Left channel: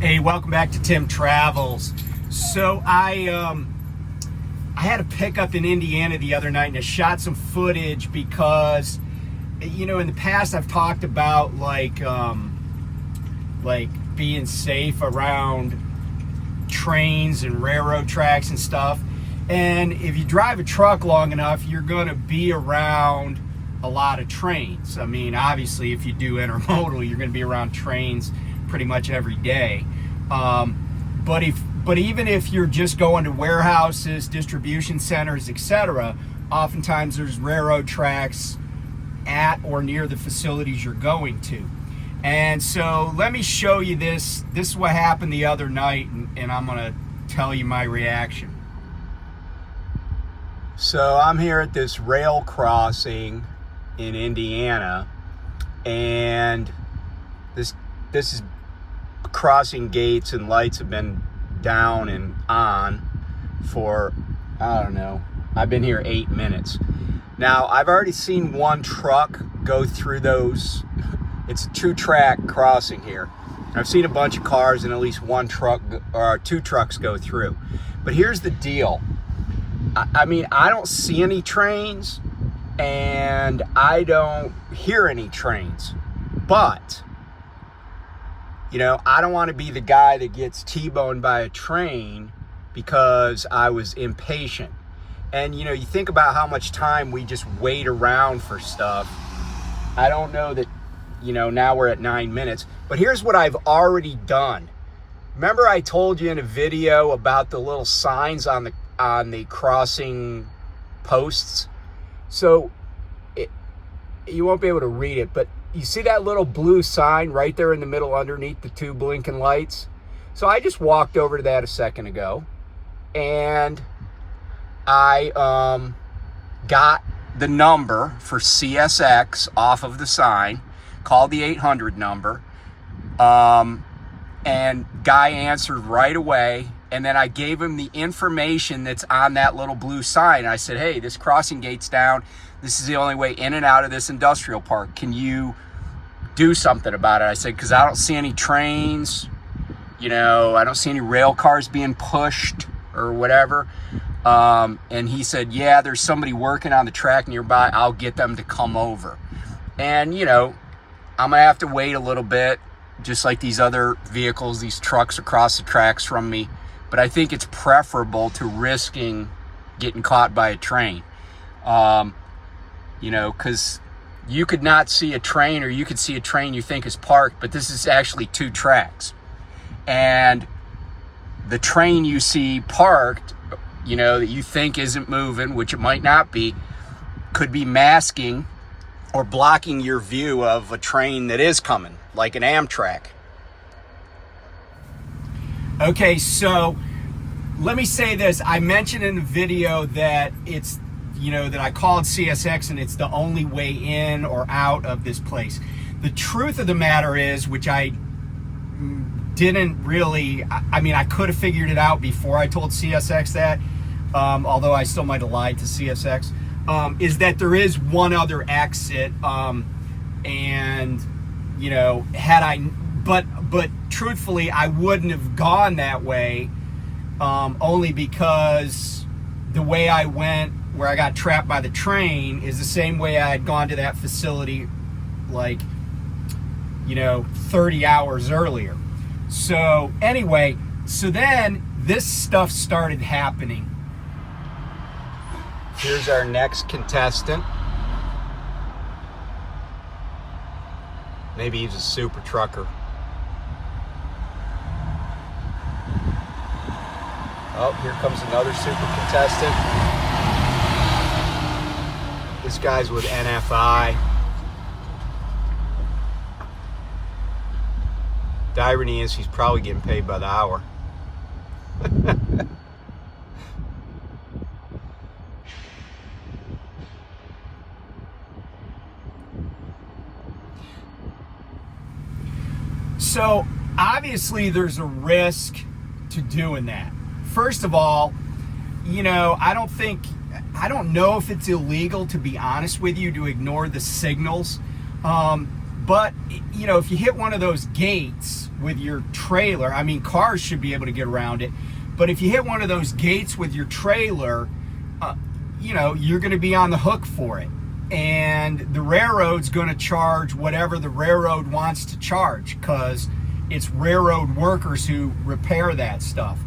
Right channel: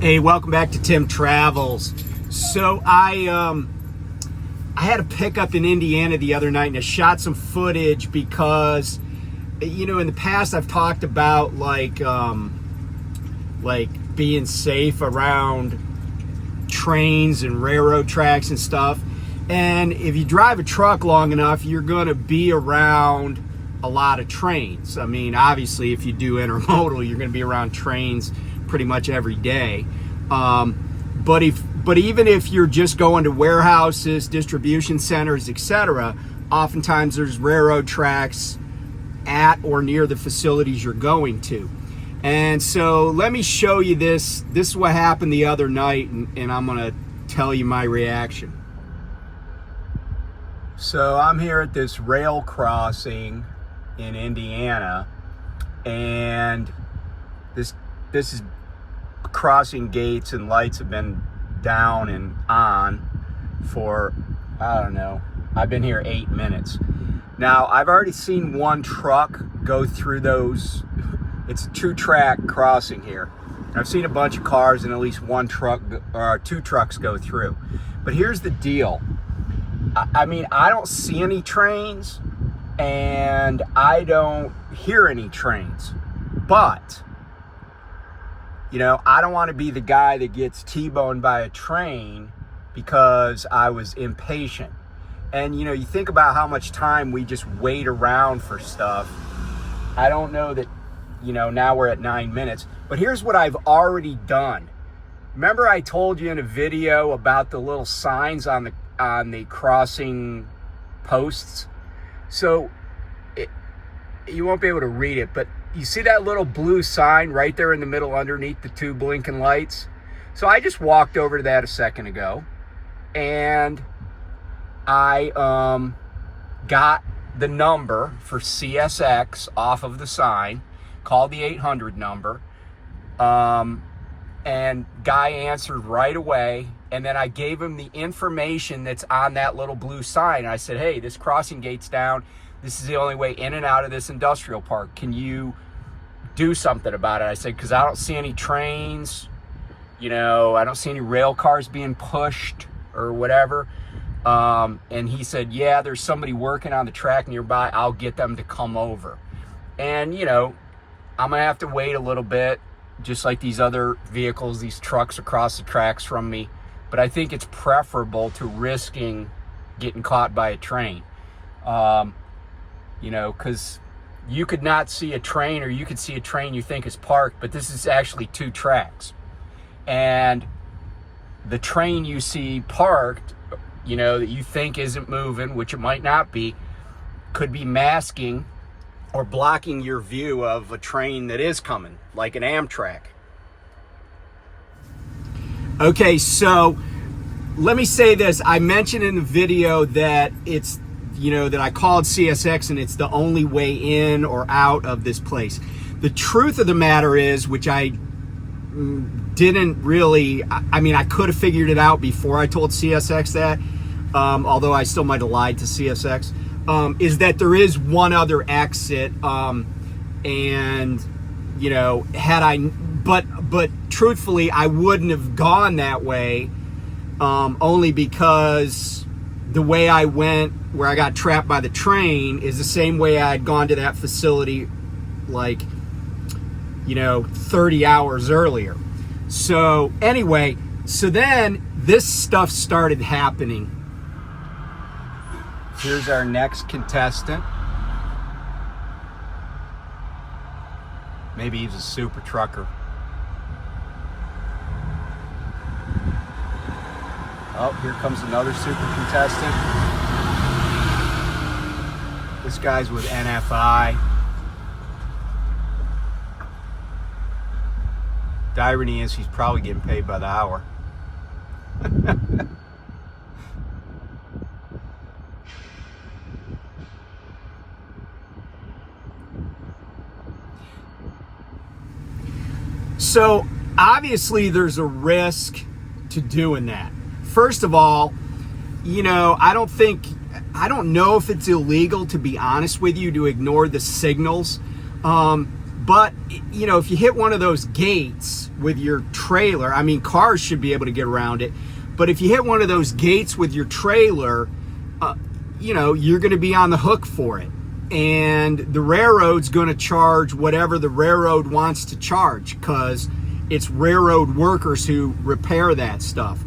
Hey, welcome back to Tim Travels. So I had a pickup in Indiana the other night and I shot some footage because, you know, in the past I've talked about like being safe around trains and railroad tracks and stuff. And if you drive a truck long enough, you're going to be around a lot of trains. I mean, obviously, if you do intermodal, you're going to be around trains pretty much every day. But even if you're just going to warehouses, distribution centers, etc., oftentimes there's railroad tracks at or near the facilities you're going to. And so let me show you this. This is what happened the other night, and I'm going to tell you my reaction. So I'm here at this rail crossing in Indiana, and this is crossing gates and lights have been down and on for, I don't know, I've been here 8 minutes. Now, I've already seen one truck go through those. It's a 2-track crossing here. I've seen a bunch of cars and at least one truck or 2 trucks go through. But here's the deal. I mean, I don't see any trains and I don't hear any trains, but you know, I don't want to be the guy that gets T-boned by a train because I was impatient. And, you know, you think about how much time we just wait around for stuff. I don't know that, you know, now we're at 9 minutes. But here's what I've already done. Remember I told you in a video about the little signs on the crossing posts? So you won't be able to read it, but you see that little blue sign right there in the middle underneath the 2 blinking lights? So I just walked over to that a second ago and I got the number for CSX off of the sign, called the 800 number, and guy answered right away. And then I gave him the information that's on that little blue sign. I said, hey, this crossing gate's down. This is the only way in and out of this industrial park. Can you do something about it? I said, because I don't see any trains. You know, I don't see any rail cars being pushed or whatever. And he said, yeah, there's somebody working on the track nearby. I'll get them to come over. And, you know, I'm going to have to wait a little bit, just like these other vehicles, these trucks across the tracks from me. But I think it's preferable to risking getting caught by a train. You know, because you could not see a train, or you could see a train you think is parked, but this is actually 2 tracks. And the train you see parked, you know, that you think isn't moving, which it might not be, could be masking or blocking your view of a train that is coming, like an Amtrak. Okay, so let me say this. I mentioned in the video that it's, you know, that I called CSX and it's the only way in or out of this place. The truth of the matter is, which I didn't really, I mean, I could have figured it out before I told CSX that, although I still might have lied to CSX, is that there is one other exit, and, you know, had I, but truthfully, I wouldn't have gone that way, only because the way I went, where I got trapped by the train, is the same way I had gone to that facility, like, you know, 30 hours earlier. So anyway, so then this stuff started happening. Here's our next contestant. Maybe he's a super trucker. Oh, here comes another super contestant. This guy's with NFI. The irony is he's probably getting paid by the hour. So obviously there's a risk to doing that. First of all, you know, I don't know if it's illegal, to be honest with you, to ignore the signals. But, you know, if you hit one of those gates with your trailer, I mean, cars should be able to get around it. But if you hit one of those gates with your trailer, you know, you're going to be on the hook for it. And the railroad's going to charge whatever the railroad wants to charge, because it's railroad workers who repair that stuff.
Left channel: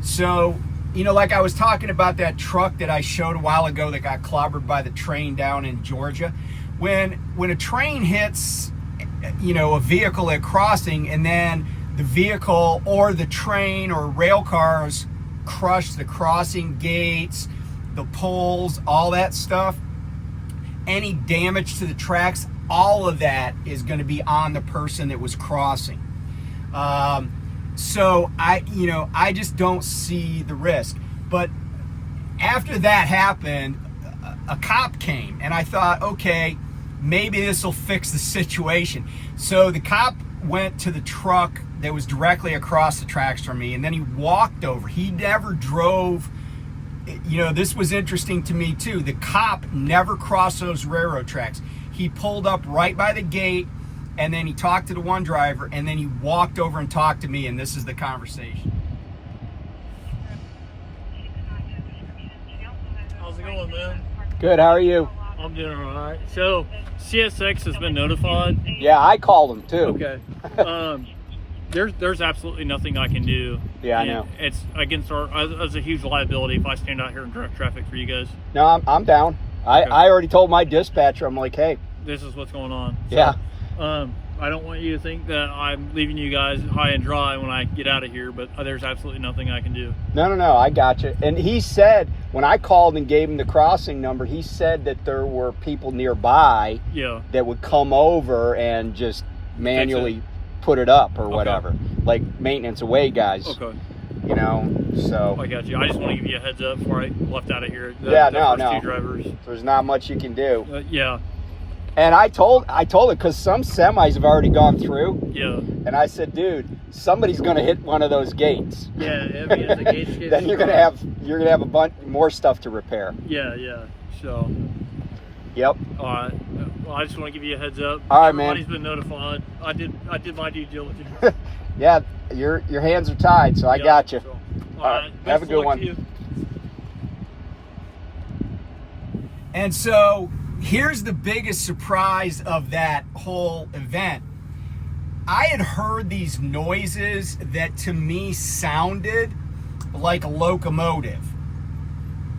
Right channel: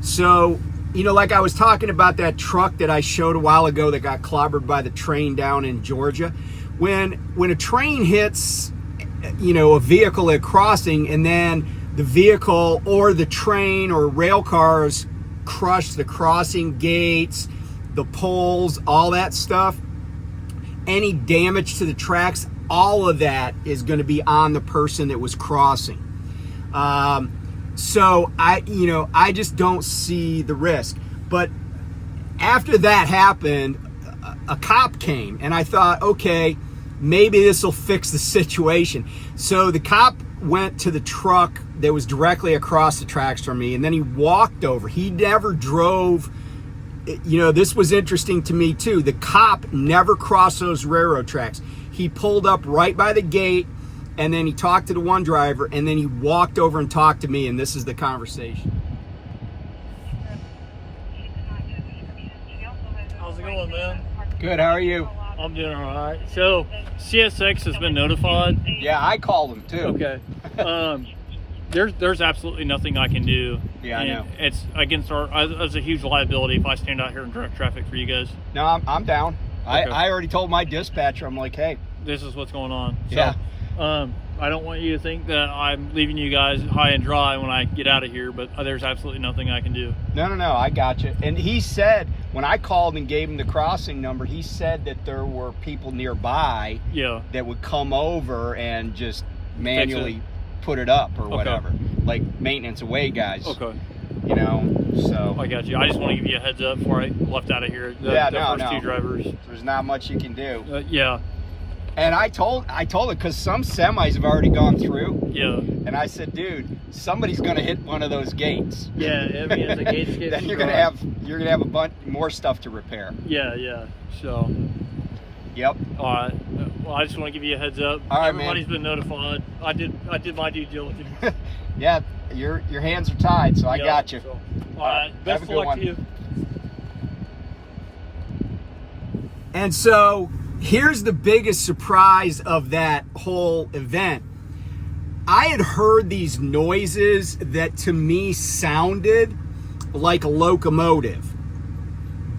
So, you know, like I was talking about that truck that I showed a while ago that got clobbered by the train down in Georgia. When a train hits, you know, a vehicle at crossing, and then the vehicle or the train or rail cars crush the crossing gates, the poles, all that stuff, any damage to the tracks, all of that is going to be on the person that was crossing. So I just don't see the risk. But after that happened, a cop came, and I thought, okay, maybe this will fix the situation. So the cop went to the truck that was directly across the tracks from me, and then he walked over. He never drove. You know, this was interesting to me too. The cop never crossed those railroad tracks. He pulled up right by the gate, and then he talked to the one driver, and then he walked over and talked to me, and this is the conversation. How's it going, man? Good, how are you? I'm doing all right. So, CSX has been notified. Yeah, I called him too. Okay. There's absolutely nothing I can do. Yeah, I And know. It's against as a huge liability if I stand out here and direct traffic for you guys. No, I'm down. Okay. I already told my dispatcher, I'm like, hey. This is what's going on. So, Yeah. I don't want you to think that I'm leaving you guys high and dry when I get out of here, but there's absolutely nothing I can do. No, I got you. And he said, when I called and gave him the crossing number, he said that there were people nearby Yeah. that would come over and just manually put it up or whatever. Like maintenance away guys. Okay. You know, so. I got you. I just want to give you a heads up before I left out of here. The No. first two drivers. There's not much you can do. Yeah. And I told it because some semis have already gone through. Yeah. And I said, dude, somebody's going to hit one of those gates. Yeah. I mean, as the gates get Then you're gonna have a bunch more stuff to repair. Yeah. So. Yep. All right. Well, I just want to give you a heads up. All right, Everybody's man. been notified. I did my due diligence. Yeah, your hands are tied, so I got you. So, all right. Have Best a of good luck one. to you. And so here's the biggest surprise of that whole event. I had heard these noises that to me sounded like a locomotive,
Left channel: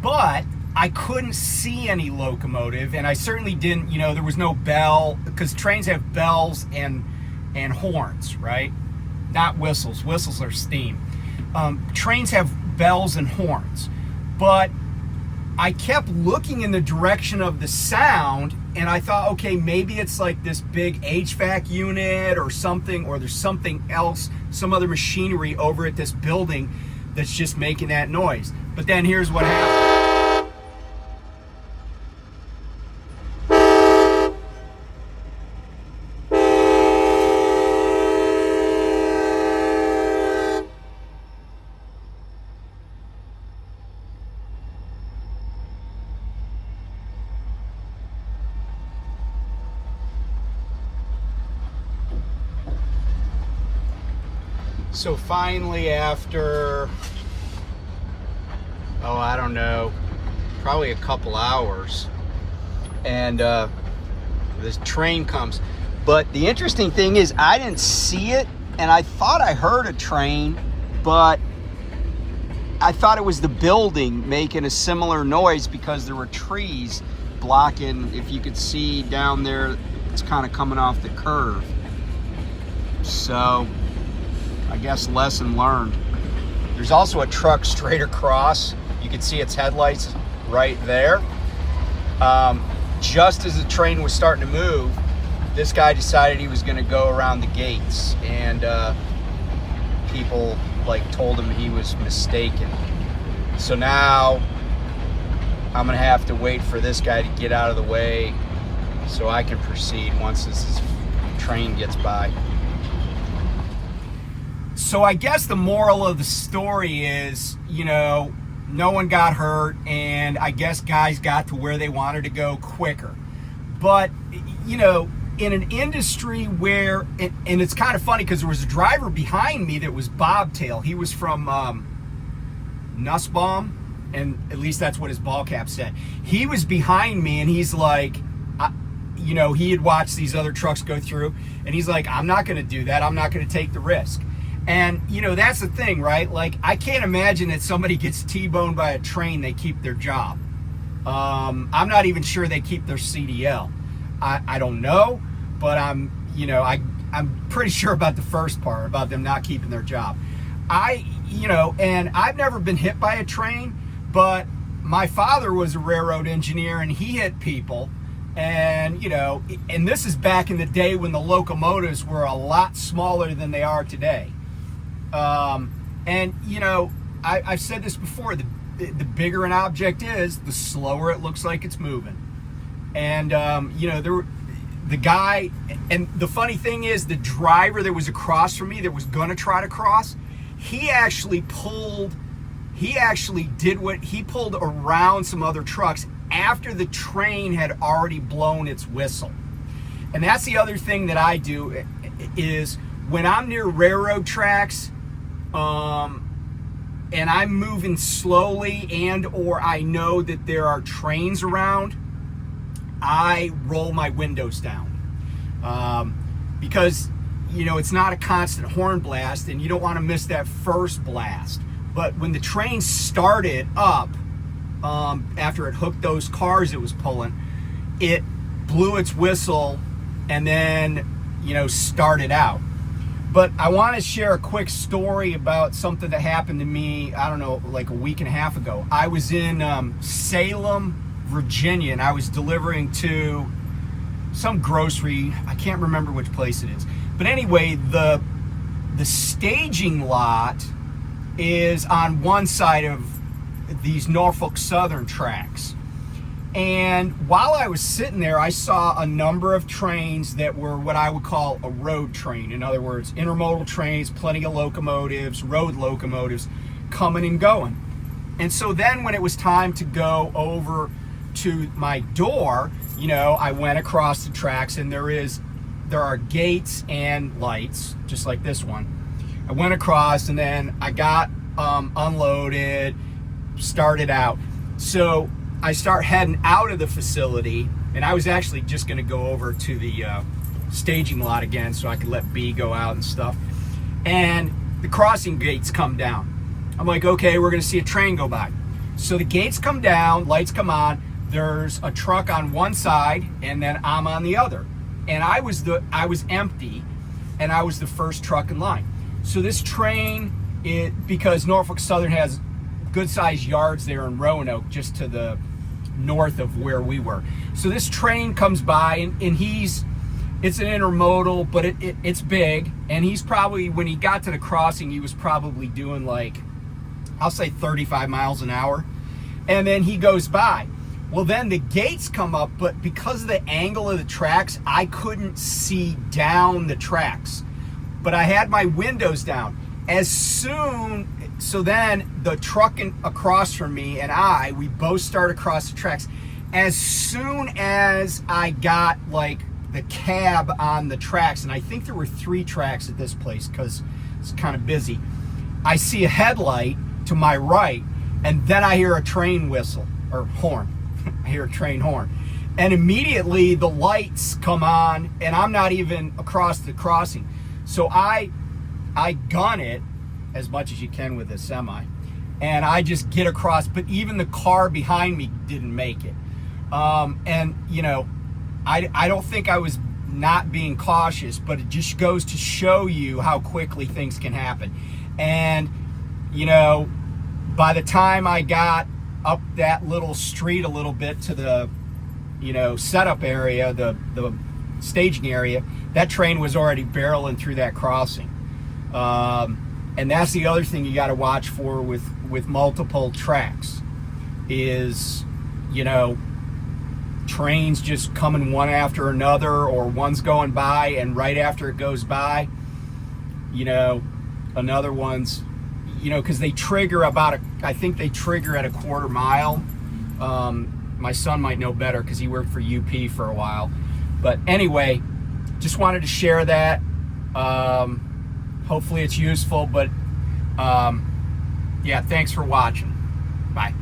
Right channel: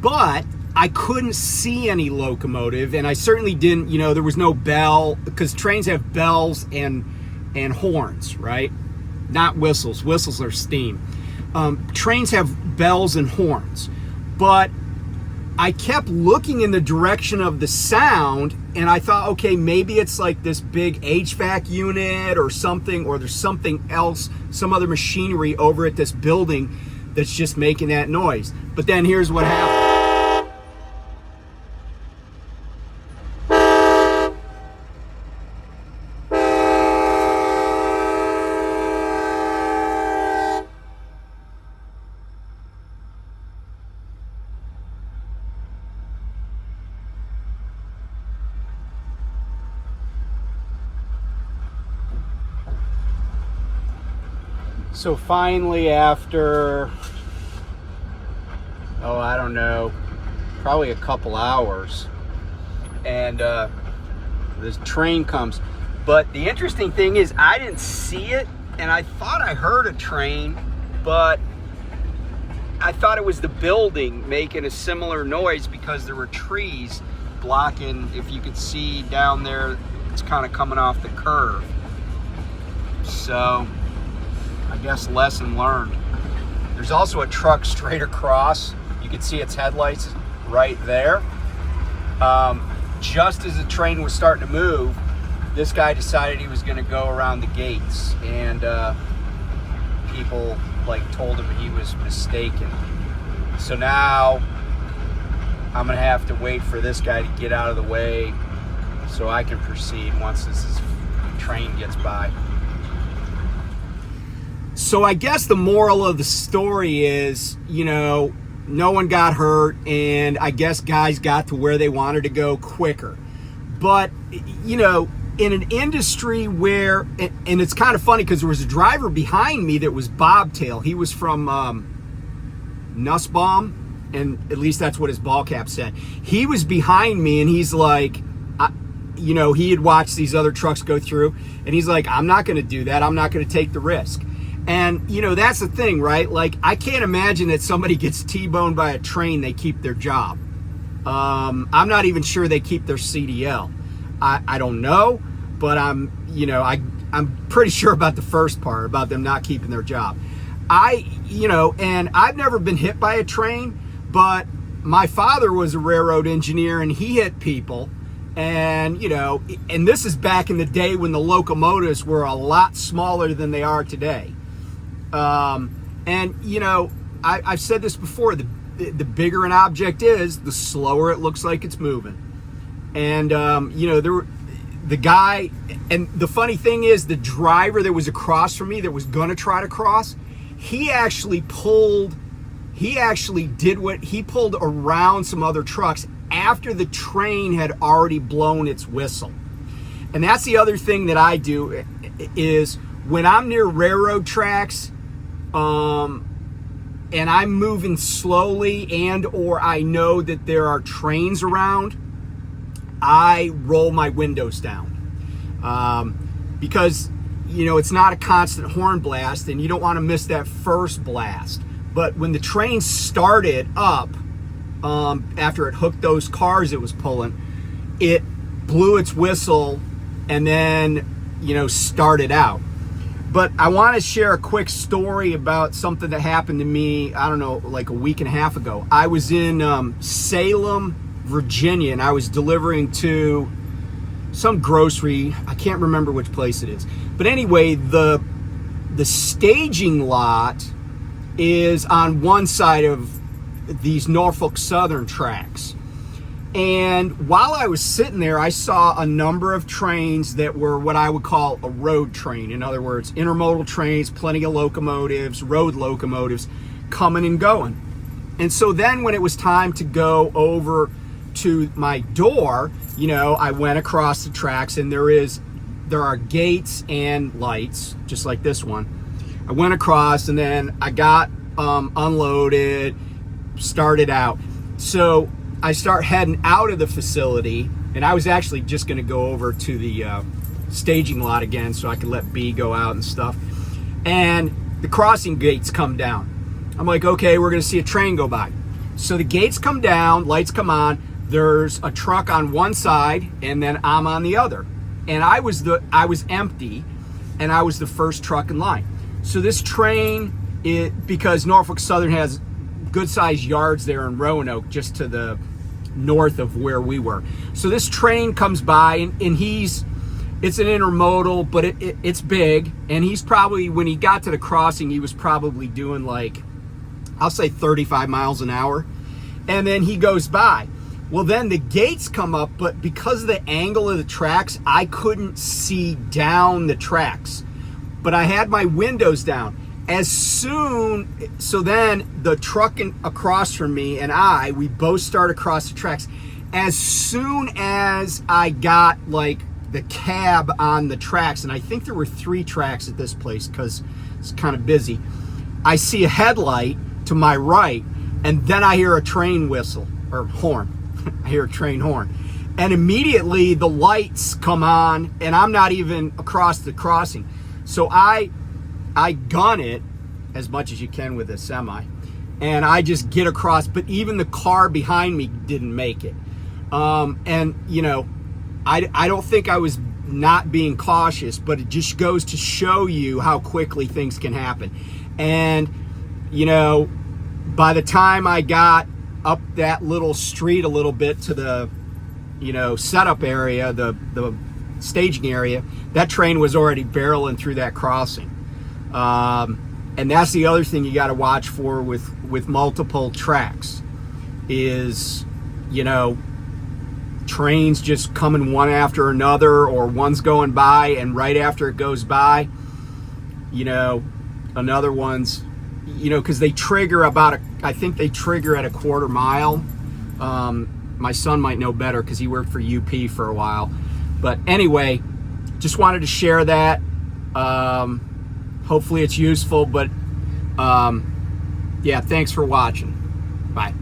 but I couldn't see any locomotive, and I certainly didn't, you know, there was no bell, because trains have bells and horns, right? Not whistles. Whistles are steam. Trains have bells and horns, but I kept looking in the direction of the sound, and I thought, okay, maybe it's like this big HVAC unit or something, or there's something else, some other machinery over at this building that's just making that noise. But then here's what happened. So finally, after, I don't know, probably a couple hours, and this train comes. But the interesting thing is I didn't see it, and I thought I heard a train, but I thought it was the building making a similar noise because there were trees blocking. If you could see down there, it's kind of coming off the curve. So I guess lesson learned. There's also a truck straight across. You can see its headlights right there. Just as the train was starting to move, this guy decided he was going to go around the gates, and people told him he was mistaken. So now I'm going to have to wait for this guy to get out of the way so I can proceed once this train gets by. So I guess the moral of the story is, no one got hurt, and I guess guys got to where they wanted to go quicker. But, in an industry where, and it's kind of funny because there was a driver behind me that was bobtail. He was from Nussbaum, and at least that's what his ball cap said. He was behind me, and he's like, you know, he had watched these other trucks go through, and he's like, I'm not going to do that. I'm not going to take the risk. And, you know, that's the thing, right? Like, I can't imagine that somebody gets T-boned by a train, they keep their job. I'm not even sure they keep their CDL. I don't know, but I'm pretty sure about the first part, about them not keeping their job. And I've never been hit by a train, but my father was a railroad engineer and he hit people. And, you know, and this is back in the day when the locomotives were a lot smaller than they are today. And, you know, I've said this before, the bigger an object is, the slower it looks like it's moving. And, you know, the guy, and the funny thing is, the driver that was across from me that was going to try to cross, he pulled around some other trucks after the train had already blown its whistle. And that's the other thing that I do is when I'm near railroad tracks, and I'm moving slowly and or I know that there are trains around, I roll my windows down. Because, you know, it's not a constant horn blast and you don't want to miss that first blast. But when the train started up, after it hooked those cars it was pulling, it blew its whistle and then, you know, started out. But I want to share a quick story about something that happened to me, I don't know, like a week and a half ago. I was in Salem, Virginia, and I was delivering to some grocery. I can't remember which place it is. But anyway, the staging lot is on one side of these Norfolk Southern tracks. And while I was sitting there, I saw a number of trains that were what I would call a road train. In other words, intermodal trains, plenty of locomotives, road locomotives coming and going. And so then when it was time to go over to my door, you know, I went across the tracks and there are gates and lights, just like this one. I went across and then I got unloaded, started out. So I start heading out of the facility, and I was actually just going to go over to the staging lot again so I could let B go out and stuff. And the crossing gates come down. I'm like, okay, we're going to see a train go by. So the gates come down, lights come on. There's a truck on one side, and then I'm on the other. And I was empty, and I was the first truck in line. So this train, because Norfolk Southern has good-sized yards there in Roanoke, just to the north of where we were. So this train comes by, and it's an intermodal, but it's big, and he's probably, when he got to the crossing, he was probably doing like, I'll say 35 miles an hour, and then he goes by. Well, then the gates come up, but because of the angle of the tracks, I couldn't see down the tracks, but I had my windows down. So then the truck across from me and we both start across the tracks. As soon as I got like the cab on the tracks, and I think there were 3 tracks at this place because it's kind of busy, I see a headlight to my right, and then I hear a train whistle or horn. I hear a train horn. And immediately the lights come on and I'm not even across the crossing. So I gun it as much as you can with a semi, and I just get across, but even the car behind me didn't make it. And you know, I don't think I was not being cautious, but it just goes to show you how quickly things can happen. And you know, by the time I got up that little street a little bit to the, you know, setup area, the staging area, that train was already barreling through that crossing. And that's the other thing you got to watch for with multiple tracks is, you know, trains just coming one after another, or one's going by and right after it goes by, you know, another one's, you know, because they trigger I think they trigger at a quarter mile. My son might know better because he worked for UP for a while. But anyway, just wanted to share that. Hopefully it's useful, but yeah, thanks for watching. Bye.